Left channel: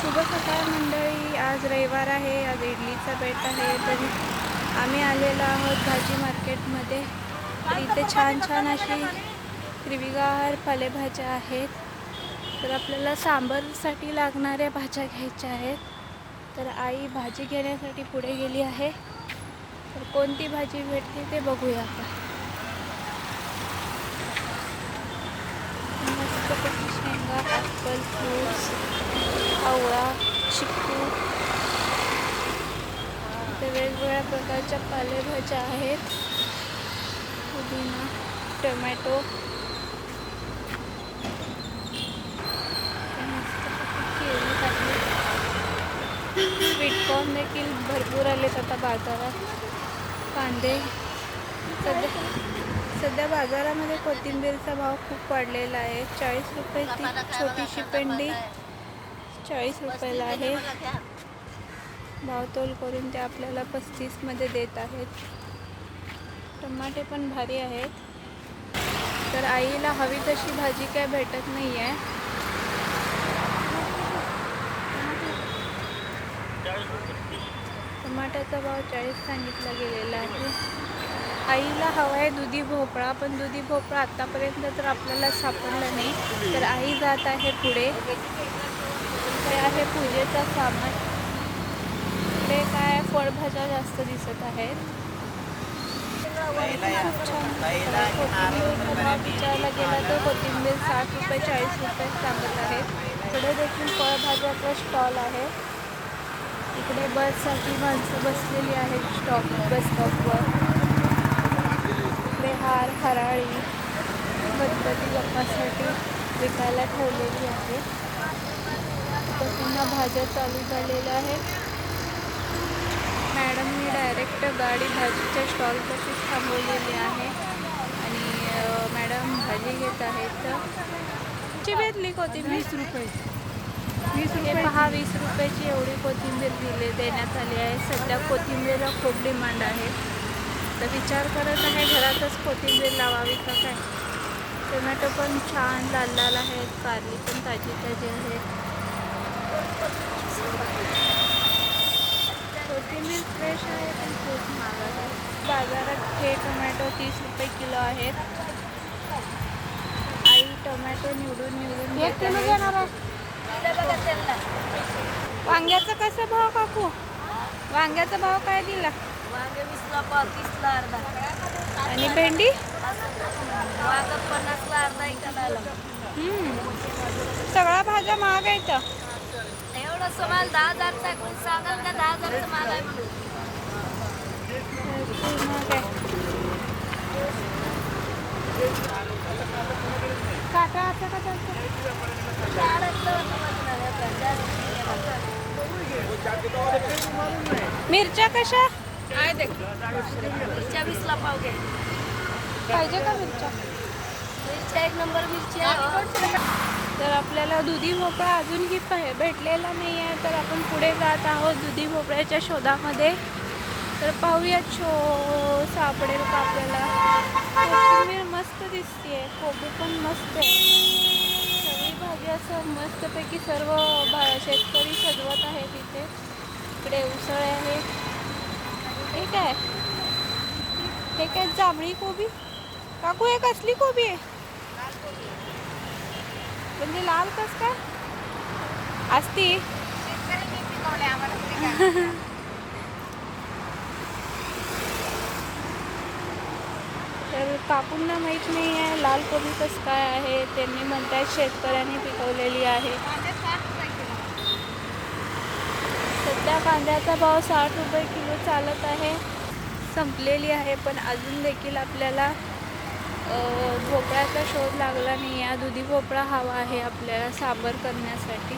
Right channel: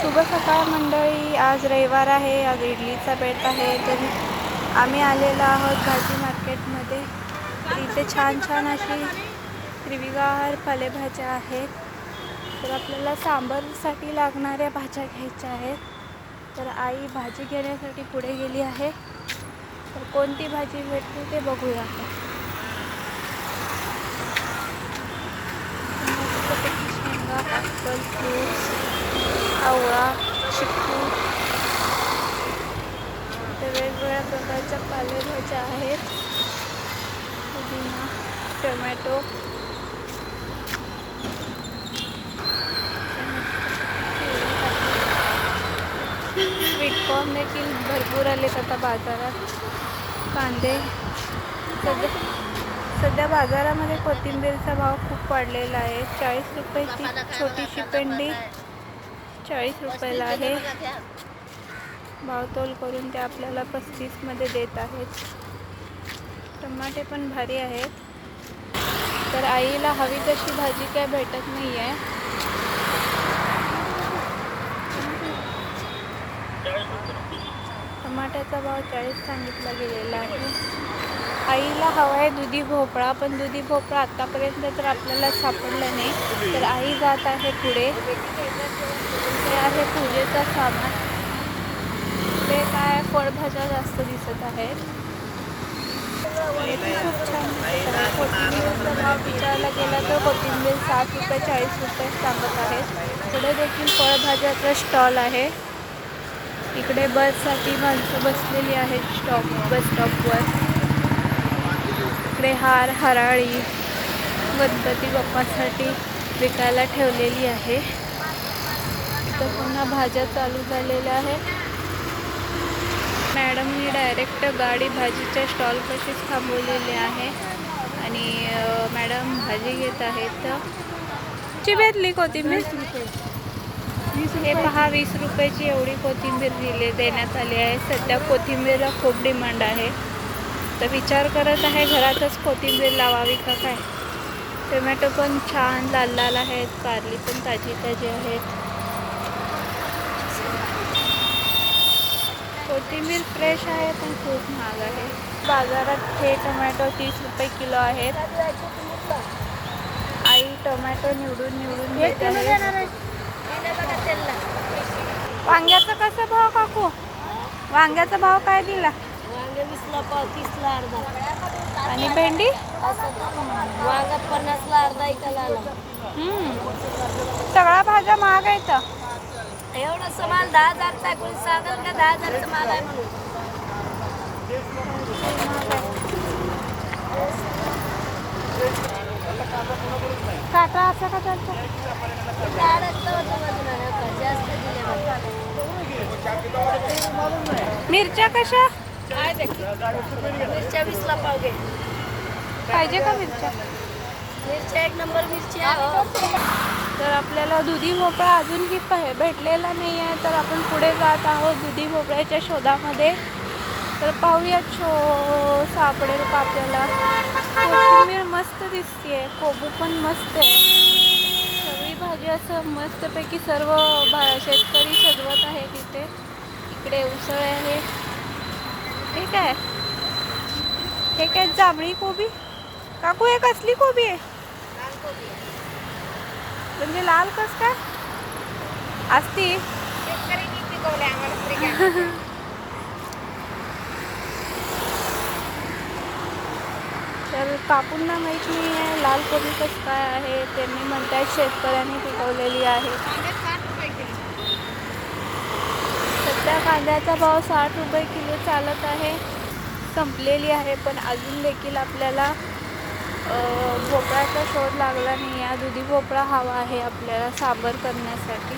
शुभ सकाळ मंडळी. आज रविवार आहे आज इडलीचा बेट आहे. तर आम्ही आलेलो आहोत भाजी मार्केटमध्ये. तर इथे छान छान अशी हिरवीगार पालेभाज्या आहेत. तर आपल्याला सांबरसाठी लागणाऱ्या भाज्या घ्यायच्या आहेत. तर आई भाजी घेण्यासाठी पुढे गेली आहे. तर कोणती भाजी घेतली ते बघूया आता. शेंगा ॲपल फ्रूट्स. आवळा चिक्कू वेगवेगळ्या प्रकारच्या पालेभाज्या आहेत. पुदिना टोमॅटो. स्वीटकॉर्न देखील भरपूर आलेत आता बाजारात. कांदे. सध्या सध्या बाजारामध्ये कोथिंबीरचा भाव खूप वाढलेला आहे. चाळीस रुपये ती छोटीशी पेंडी. चाळीस रुपयाला आहे. भावतोल करून ते आपल्याला पस्तीसमध्ये देत आहेत. टमाटे पण भारी आहेत. तर आईला हवी तशी भाजी काय भेटत नाही आहे टमाट्याचा भाव चाळीस सांगितला गेलेला आहे. आईला हवा आहे दुधी भोपळा पण दुधी भोपळा आतापर्यंत तर आपल्याला सापडला नाही. तर आई जात आहे पुढे. हे आहे पूजेचा सामान. ते काय फळभाज्या जास्त दिसत आहेत. खूप छान दिसत आहे. कोथिंबीरचा भाव विचारला गेला तर कोथिंबीर सात रुपये चाळीस रुपये सांगत आहेत पुढे देखील फळभाज्याचा स्टॉल आहे. इकडे बससाठी माणसं बसलेली आहेत स्टॉप बस स्टॉपवर इकडे हार हराळी गणपती बाप्पासाठी विकायला ठेवलेली आहे. इथं पुन्हा भाज्या चालू झालेल्या आहेत. मॅडमनी डायरेक्ट गाडी भाजीच्या स्टॉलपाशी थांबवलेली आहे आणि मॅडम भाजी घेत आहेत. ची भेटली कोथिंबीर? हे पहा वीस रुपयाची एवढी कोथिंबीर दिली देण्यात आली आहे. सध्या कोथिंबीरला खूप डिमांड आहे. तर विचार करत आहे घरातच कोथिंबीर लावावी का काय? टोमॅटो पण छान लाल लाल आहेत कारली पण ताजी ताजी आहेत. कोथिंबीर फ्रेश आहे पण खूप महाग आहे. बाजारात हे टोमॅटो तीस रुपये किलो आहेत. आई टोमॅटो निवडून निवडून घेत आहे. वांग्याचा कसा भाव काकू? वांग्याचा भाव काय दिला? तीसला अर्धा आणि भेंडी? वांगा पन्नासला अर्धा एकाला सगळ्या भाज्या महाग आहेत एवढं सामान दहा हजार टाकून सांगून का दहा हजारचं माल आहे म्हणून महाग काटा का चालतो मिरच्या कशा? मिरच्या वीसला पाव घे. पाहिजे का मिरच्या? मिरच्या एक नंबर मिरची आहे. तर आपल्याला दुधी भोपळा अजूनही भेटलेला नाही आहे तर आपण पुढे जात आहोत दुधी भोपळ्याच्या शोधामध्ये. तर पाहूया शो सापडेल का आपल्याला? कोथिंबीर मस्त दिसते कोबी पण मस्त आहे. सगळी भाजी असं मस्तपैकी सर्व भा शेतकरी सजवत आहे तिथे. इकडे उसळ आहे. हे काय हे काय जांभळी कोबी. काकू हे कसली कोबी आहे? म्हणजे लाल कस काय? असती तर काकूंना माहीत नाही आहे लाल कोबी कसं काय आहे? त्यांनी म्हणतात शेतकऱ्यांनी पिकवलेली आहे. सध्या कांद्याचा भाव साठ रुपये किलो चालत आहे. संपलेली आहे पण अजून देखील आपल्याला भोपळ्याचा शोध लागला नाही. आहे दुधी भोपळा हवा आहे आपल्याला सांबर करण्यासाठी.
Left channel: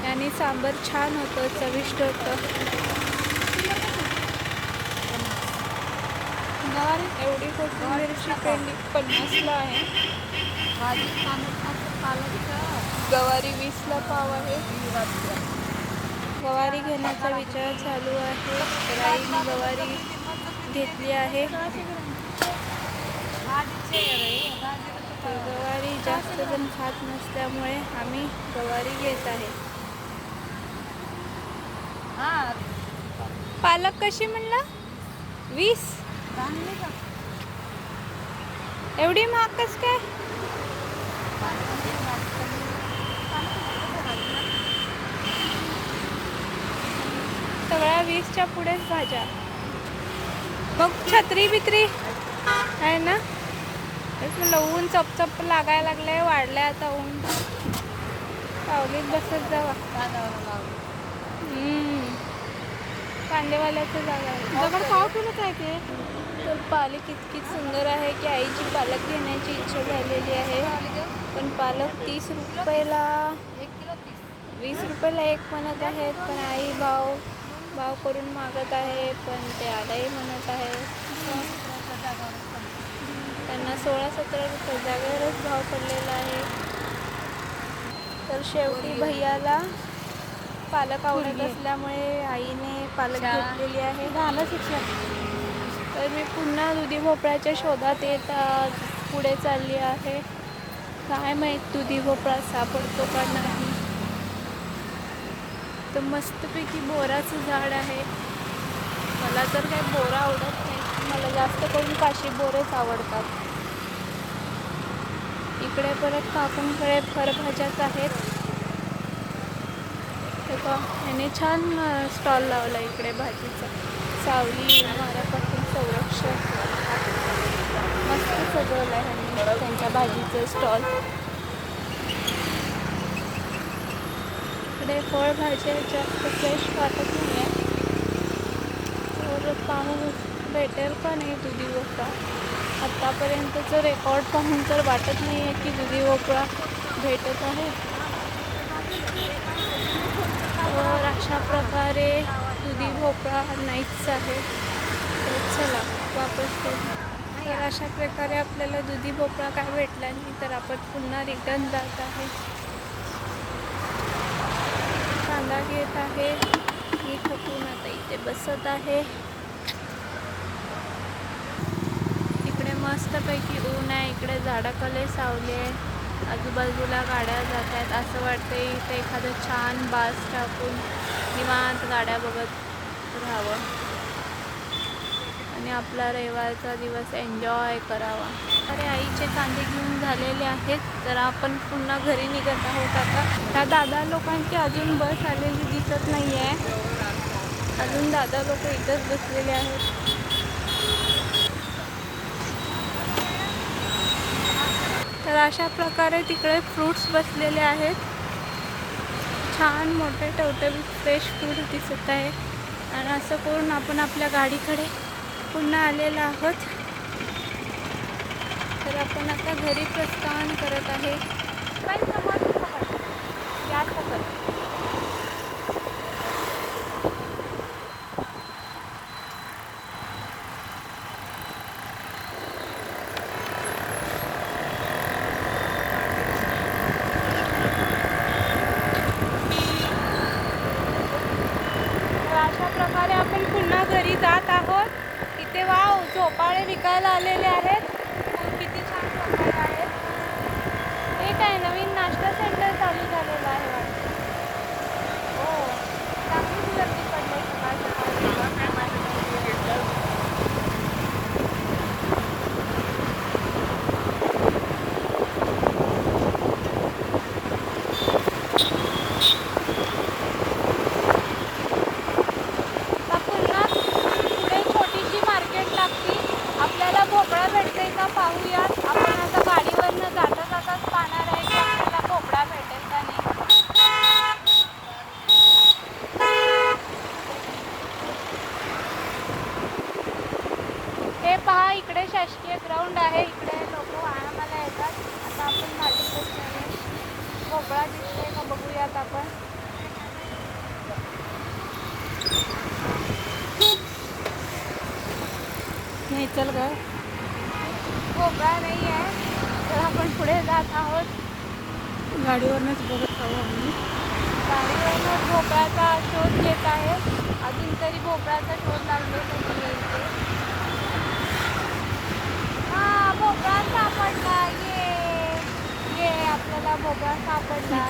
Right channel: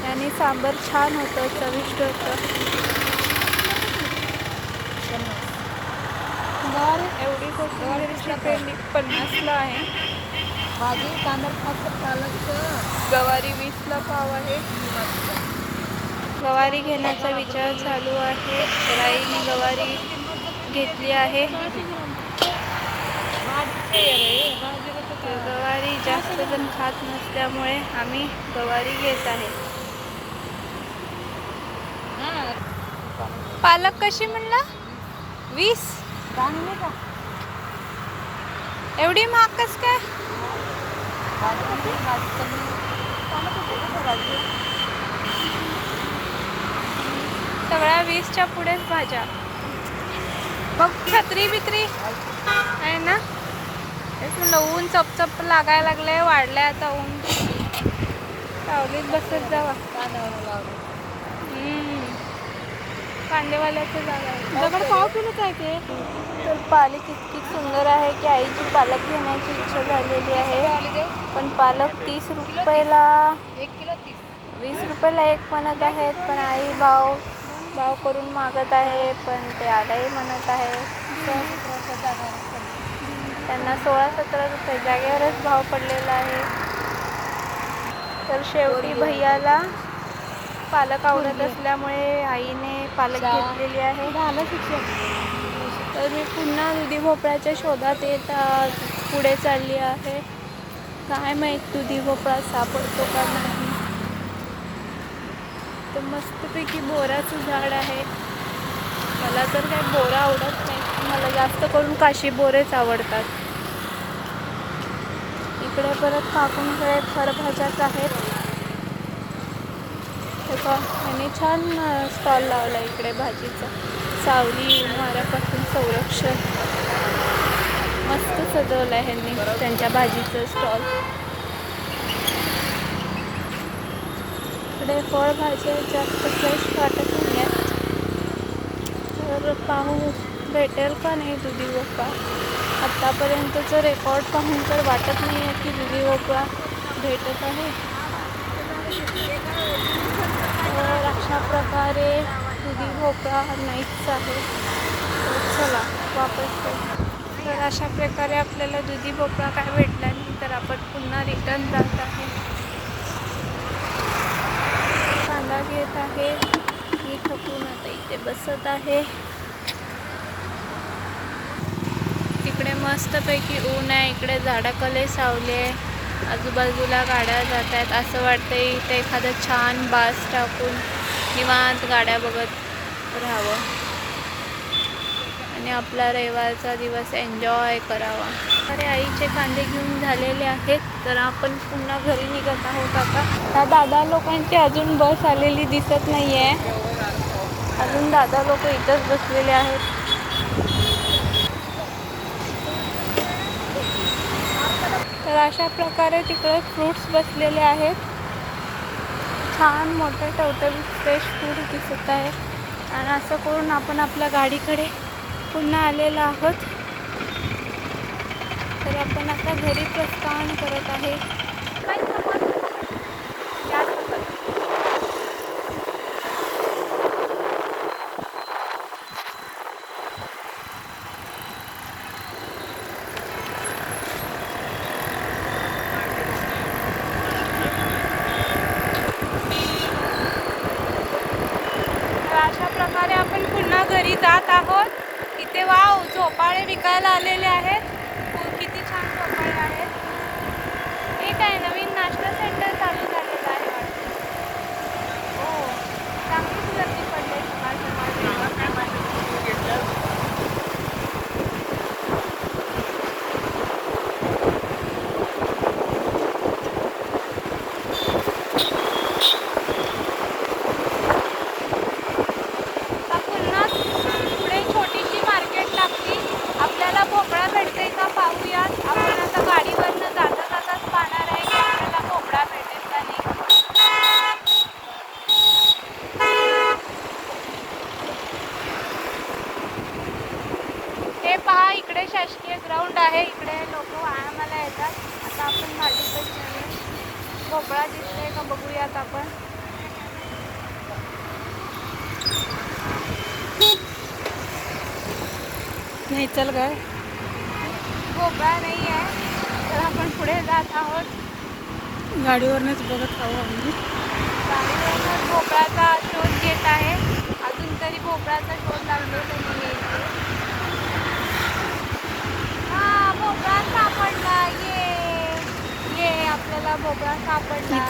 त्याने सांबर छान होतं चविष्ट होतं. बर एवढी कोथिंबीरची पेंडी पन्नासला आहे. भाजी कांदा पालक गवारी वीसला पाव आहे. गवारी घेण्याचा विचार चालू आहे. तर आईने गवारी घेतली आहे. गवारी जास्त जण खात नसल्यामुळे आम्ही गवारी घेत आहे. पालक कशी म्हणला? वीस? एवढी महाग कस काय? सगळ्या वीसच्या पुढेच भाज्या. मग छत्री बित्री. आहे ना? एक मिनिट ऊन चपचप लागायला लागलंय वाढलंय आता ऊन. सावलीत बसत जावा. कांदेवाल्याचं जागा दगड पाव किलो काय ते तर पालक इतकी सुंदर आहे की आईची पालक घेण्याची इच्छा झालेली आहे. पण पालक तीस रुपयाला वीस रुपयाला एक म्हणत आहेत पण आई भाव भाव करून मागत आहे पण ते आगावी म्हणत आहे. त्यांना सोळा सतरा रुपये जागेवरच भाव पडलेला आहे. तर शेवटी भैयाला पालक आवडत असल्यामुळे आईने पालक घेतलेली आहे. तर मी पुन्हा दुधी भोपळ्याच्या शोधात येत पुढे चालली आहे. काय माहीत दुधी भोपळा सापडतो का नाही? तर मस्तपैकी बोराचं झाड आहे. मला तर काय बोरा आवडत नाही. मला जास्त करून काशी बोरेच आवडतात. इकडे परत काकूंकडे फळभाज्याच आहेत. हे का यांनी छान स्टॉल लावला इकडे भाजीचा. सावली वाऱ्यापासून संरक्षण. मस्त सजवलं आहे ह्यांनी त्यांच्या भाजीचं स्टॉल इकडे फळभाज्या जास्त फ्रेश वाटत नाही आहे तर पाहू भेटेल का नाही दुधी भोपळा आत्तापर्यंतचं रेकॉर्ड पाहून तर वाटत नाही आहे की दुधी भोपळा भेटत आहे तर अशा प्रकारे दुधी भोपळा नाहीच आहे. तर चला वापस करू. तर अशा प्रकारे आपल्याला दुधी भोपळा काय भेटला नाही तर आपण पुन्हा रिटर्न जात आहोत कांदा घेत आहे. मी थकून आता इथे बसत आहे. तिकडे मस्तपैकी ऊन आहे इकडे झाडाकले सावली आहे. आजूबाजूला गाड्या जात आहेत. असं वाटतंय इथे एखादं छान बास टाकून निवांत गाड्या बघत राहावं. आणि आपला रविवारचा दिवस एन्जॉय करावा. प्रकारे आईचे कांदे घेऊन झालेले आहेत. तर आपण पुन्हा घरी निघत आहोत आता. त्या दादा लोकांची अजून बस आलेली दिसत नाही आहे अजून दादा लोक इथंच बसलेले आहेत. तर अशा प्रकारे तिकडे फ्रूट्स बसलेले आहेत. छान मोठे टवटवी फ्रेश फ्रूट दिसत आहे. आणि असं करून आपण आपल्या गाडीकडे पुन्हा आलेलो आहोत. तर आपण आता घरी प्रस्थान करत आहे. तर अशा प्रकारे आपण पुन्हा घरी जात आहोत. इथे वाव झोपाळे विकायला आलेले आहेत किती छान झोपाळे आहेत एक आहे नवीन नाश्ता सेंटर चालू झालं आहे वाटतं हो चांगलीच गर्दी पडली सकाळ सकाळ आता पुन्हा पुढे छोटीशी मार्केट लागली आपल्याला भोपळा भेटते का पाहूयात आपण आता गाडीवरनं जाता जाताच पाहणार आहे की आपल्याला भोपळा भेटेल का नाही हे पहा इकडे शासकीय ग्राउंड आहे इकडे लोक व्यायामाला येतात आता आपण भाजीतच नाही भोपळा दिसतोय का बघूयात आपण नाही चल काय भोपळा नाही आहे. तर आपण पुढे जात आहोत. गाडीवरनच बघत आहो आम्ही. गाडीवरूनच भोपळाचा शोध घेत आहे. अजून तरी भोपळाचा शोध लागलेला नाही आहे इथे. हा भोपळा सापडला. ये. ये आपल्याला भोपळा सापडला.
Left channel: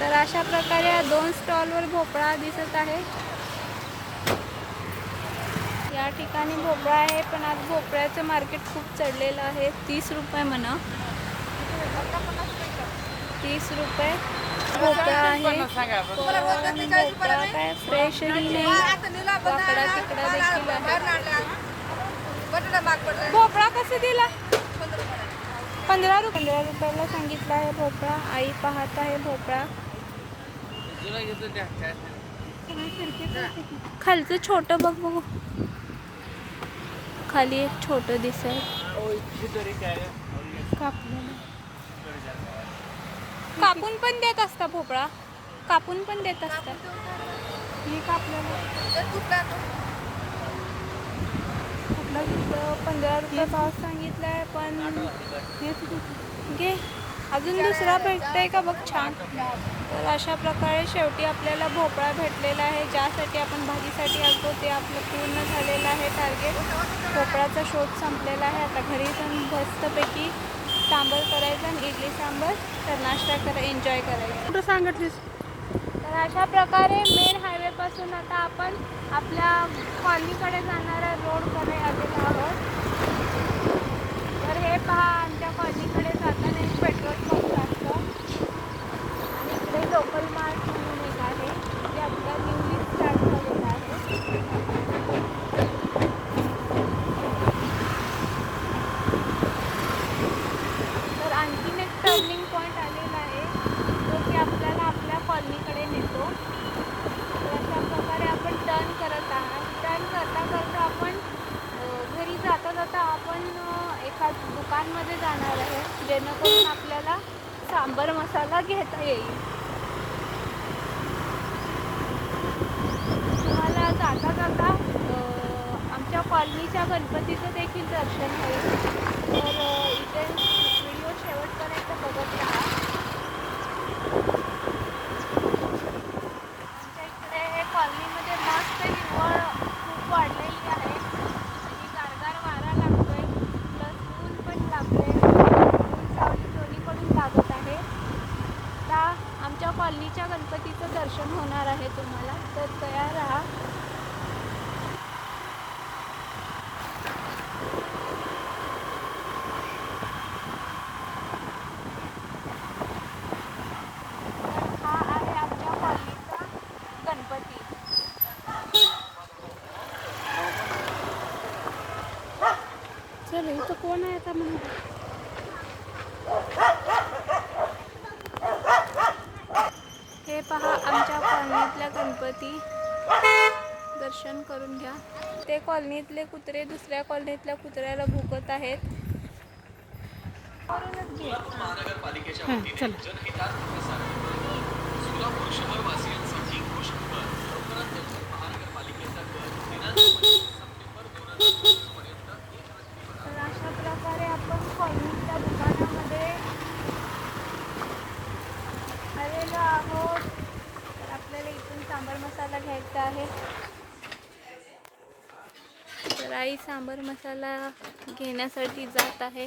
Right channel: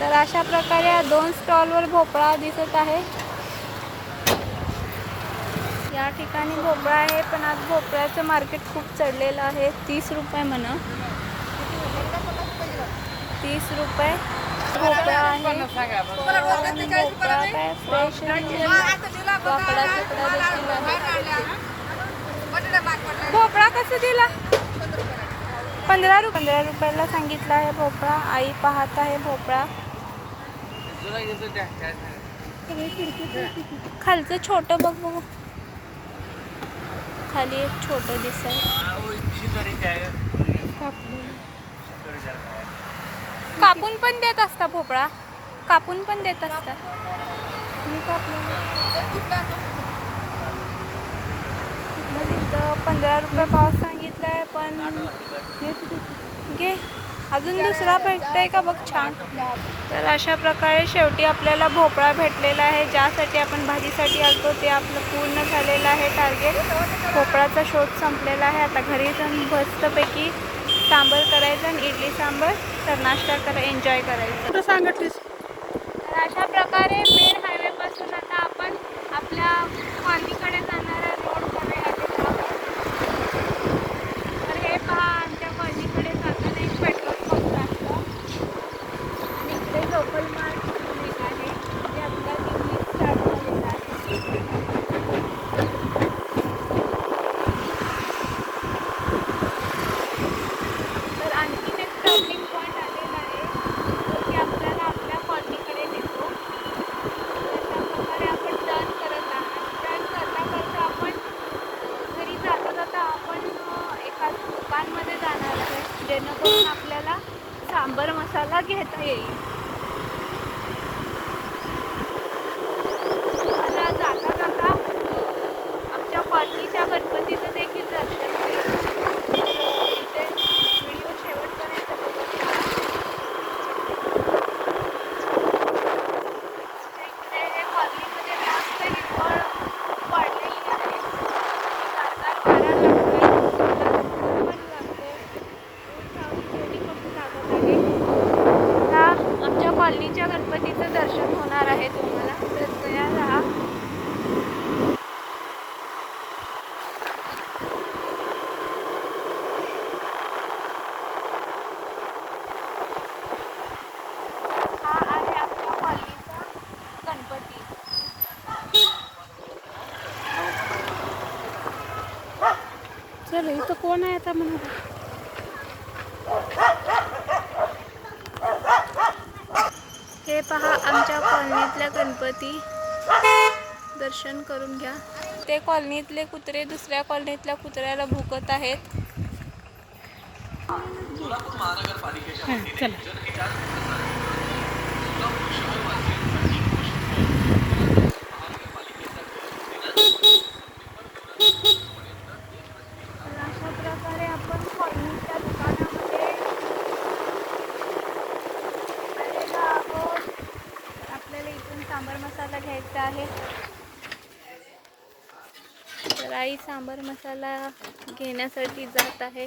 तर अशा प्रकारे या दोन स्टॉलवर भोपळा दिसत आहे. या ठिकाणी भोपळा आहे पण आज भोपळ्याचं मार्केट खूप चढलेलं आहे. तीस रुपये म्हणा. तीस रुपये. भोपळा आहे. भोपळा काय फ्रेश वाकडा तिकडा देखील आहे. भोपळा कसं दिला? पंधरा रुपये. पंधरा रुपयाला सांगितलं आहे भोपळा. आई पाहत आहे भोपळा. खालचं छोटं बघ बघ. खाली एक छोटो दिस कापून पण देत असता भोपळा? कापून पण देत असता? मी कापलेलं. इथं पंधरा रुपये पाव सांगितलाय, पण घे. अजून दुसरा भेटतंय का बघ छान. तर अशा प्रकारे शेवटी आपल्याला भोपळा भेटलेला आहे. ज्यासाठी आपण भाजीसाठी आलतो ते आपलं पूर्ण झालेलं आहे टार्गेट. भोपळाचा शोध संपलेला आहे. आता घरी जाऊन मस्तपैकी सांबर करायचं आणि इडली सांबर तर नाश्ता करा एन्जॉय करायचं. कुठं सांगितलीस? तर अशा प्रकारे मेन हायवेपासून आता आपण आपल्या कॉलनीकडे जाणारा रोडकडे आलेलो आहोत. तर हे पहा आमच्या कॉलनीकडे जाताना एक पेट्रोल पंप असतं आणि इकडे लोकल मार्ट म्हणून एक आहे. जे आता न्यूली स्टार्ट झालेलं आहे तर आणखीन एक टर्निंग पॉईंट आलेला आहे जो की आपल्याला आपल्या कॉलनीकडे नेतो अशा प्रकारे आपण टर्न करत आहात टर्न करता करता आपण अ, घरी जाता जाता आपण अ, एका दुकानमध्ये जाणार आहे जेणेकरून आपल्याला सांबर मसाला घेता येईल तुम्हाला जाता जाता आमच्या कॉलनीच्या गणपतीचं देखील दर्शन होईल तर अ, इथे व्हिडिओ शेवटपर्यंत बघत राहा आमच्या इकडे हे कॉलनीमध्ये मस्त हिरवळ खूप वाढलेली आहे आता वारा लागतोय, पण लागते ऊन सावली दोन्हीकडून लागत आहे आता आमच्या कॉलनीच्या गणपतीचं दाखवणार आहे तुम्हाला. तर तयार राहा. चलो इथं कोण आहे आता म्हणून? पहा आमच्या कॉलनीतल्या गणपती. दर्शन करून घ्या. ते कॉलनीतले कुत्रे दुसऱ्या कॉलनीतल्या कुत्र्याला भुकत आहेत. हां चला तर अशा प्रकारे आपण कॉलनीच्या दुकानामध्ये आलेलो आहोत तर आपल्याला इथून सांबर मसाला घ्यायचा आहे. तर आई सांबर मसाला घेण्यासाठी जात आहे.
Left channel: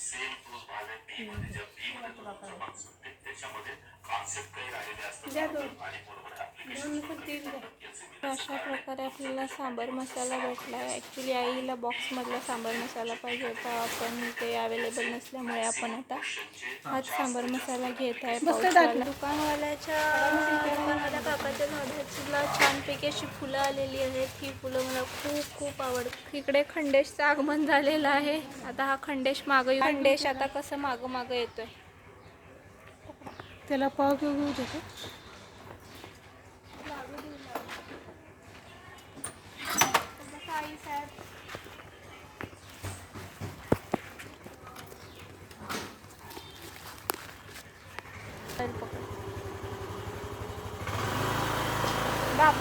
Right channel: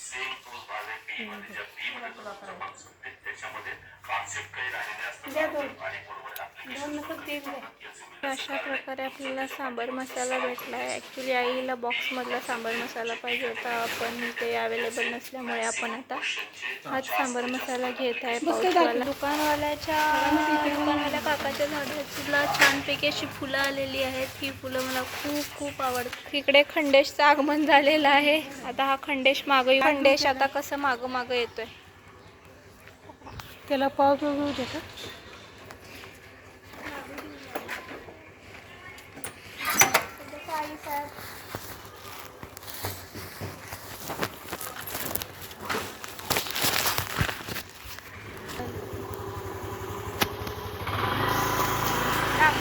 सेम प्रूफ वाले भी होने जब भी मतलब द्या दोन. दोन नंतर तीन द्या. अशा प्रकारे आपल्याला सांबर मसाला भेटला आहे ॲक्च्युली आईला बॉक्समधला सांबर मसाला पाहिजे होता पण ते अवेलेबल नसल्यामुळे आपण आता हाच सांबर मसाला घेत आहे पाऊसवाला दुकानवाल्याच्या दुकानवाल्या काकाच्या झाडाला छानपैकी अशी फुलं आलेली आहेत. ही फुलं मला खूप खूप आवडतात. इकडे खंडेशचं आगमन झालेलं आहे. आता हा खंडेश मागं खंडेश आता कसं मागं मागं येतोय. त्याला पाव पिऊ दे का